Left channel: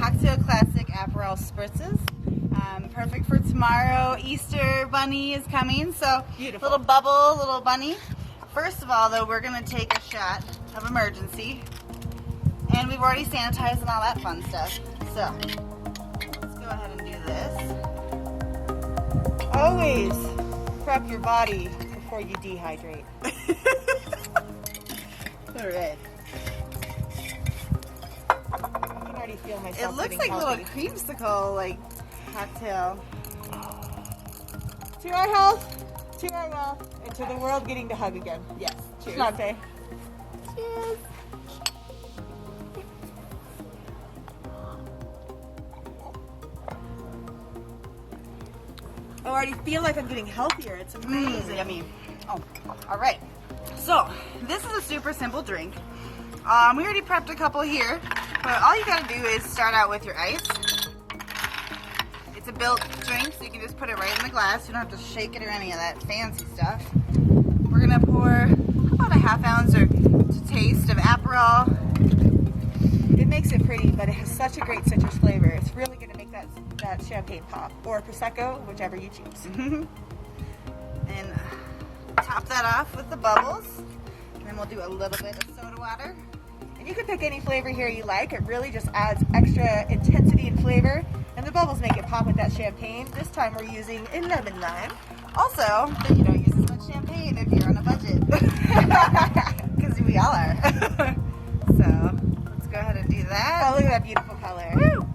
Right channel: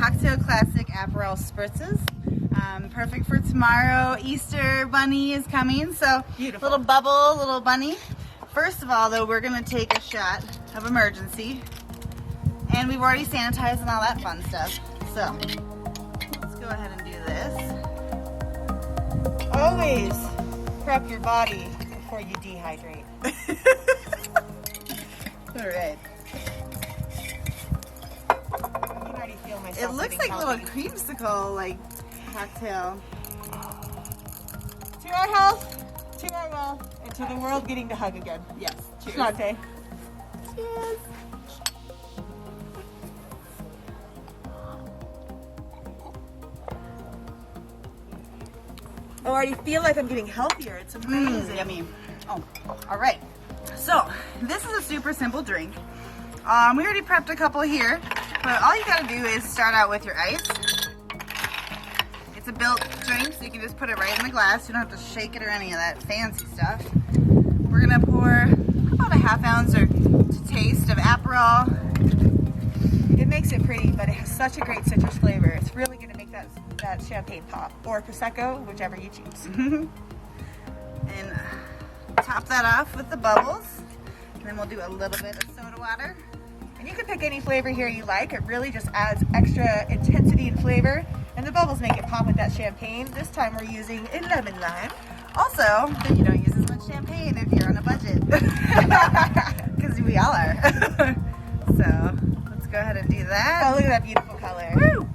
cocktail classic Aperol Spritzes. Perfect for tomorrow. Easter bunny is coming, so Beautiful. Little bubble, little bunny. First of all, though, we're going to take a shot of emergency. And we've already sanitized and all that fun stuff. So, let's go ahead and do this. Always prep your body before you dehydrate. Alright. I can already feel myself. It looks like a little creamsicle, like, cocktail. To our health, to our love, and to the world getting to hug again. Yes. Cheers. Dante. Cheers. I already feel like I'm getting healthier. It's amazing. Alright. So, this is a super simple drink. We already prepped a couple here, but all you gotta do is start out with your ice. It's a built drink, so you can just put it right in the glass. You don't have to shake it or any of that fancy stuff. We're gonna pour about a ½ ounce or to taste of Aperol. It makes it pretty, but it has such a great citrus flavor. It's really going to make that champagne pop. Or Prosecco, whichever you choose. And top that off with the bubbles. And then we'll do a little bit of soda water. And you can pick any flavor here you like. It really just adds extra intensity and flavor. And the bubbles make it pop with that champagne. This time we're using a lemon lime. Also, you don't use as much champagne if you're on a budget. Because we all are. So, let's go ahead and do that. Oh, look at that beautiful color. Woo!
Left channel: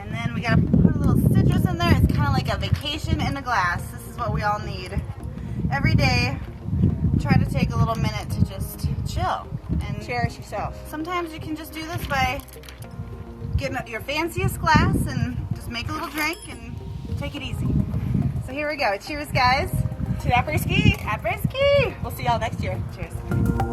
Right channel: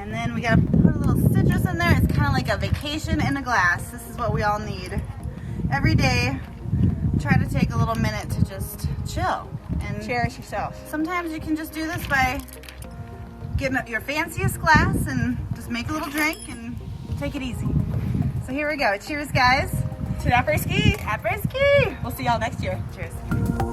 And then we gotta put a little citrus in there. It's kind of like a vacation in a glass. This is what we all need. Every day, try to take a little minute to just chill. And Cherish yourself. sometimes you can just do this by getting your fanciest glass and just make a little drink and take it easy. So here we go. Cheers, guys. To Aperitif. Aperitif. We'll see y'all next year. Cheers.